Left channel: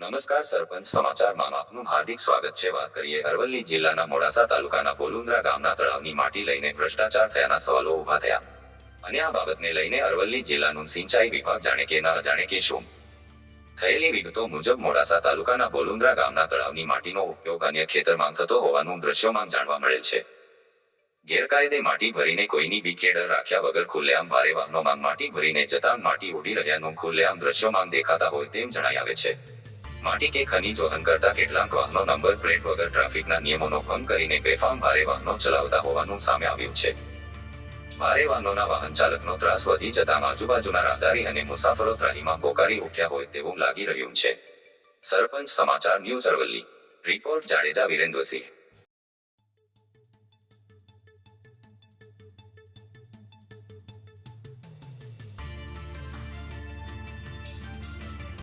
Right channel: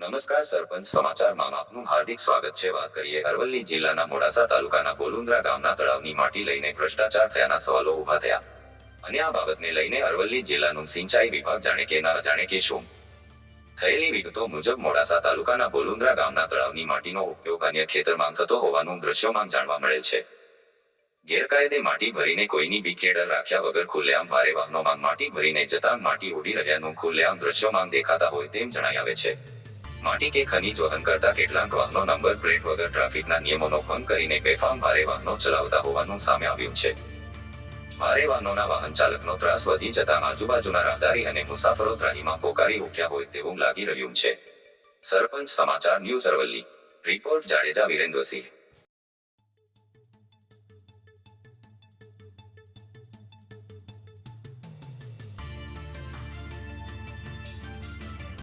નમસ્કાર સરપંચ સમાચારમાં આપનું હાર્દિક સ્વાગત છે। વાત કરીએ અરવલ્લી જિલ્લાના મોડાસા તાલુકાના બોલુન્દ્રા ગામના તળાવની માટી લઈને ભ્રષ્ટાચાર થયાના સવાલો ઉભા થયા અને આ બાબતને લઈને અરવલ્લી જિલ્લાનું સિંચાઈ વિભાગ જાણે કે ન અજાણે કે શું। થયેલી વિગતો મુજબ મોડાસા તાલુકાના બોલુન્દ્રા ગામના તળાવની માટીનો ઉપયોગ અન્ય ખેતરમાં થતો હોવાનું દ્રશ્યોમાં જાણવા મળેલ છે। ગેરકાયદે માટી ભરીને કોઈની બી કે ડર રાખ્યા વગર ખુલ્લેઆમ ભારે વાહનોમાં માટી ભરીને જતાં માટી ઉડી રહ્યાનું ખુલ્લેઆમ દ્રશ્યોમાં દેખાતા હોય તેમ જણાઈ આવે છે। માટી કે ખનીજ વહન કરતા કેટલાક વાહનો નંબર પ્લેટ વગર ટ્રાફિકના નિયમોનો ભંગ કરીને બેફામ ભારે વાહનો ચલાવતા હોવાનું સામે આવ્યું છે। ભારે વાહનોના વાહન ચાલકનો ત્રાસ વધી જતાં આજુબાજુના રાહદારી અને મુસાફરો ત્રાહીમાં પોકારી ઉઠ્યા હોય તેવું લાગી રહ્યું છે। સરપંચ સમાચાર ન્યૂઝ અરવલ્લી, રિપોર્ટ જાડેજા વિરેન્દ્રસિંહ।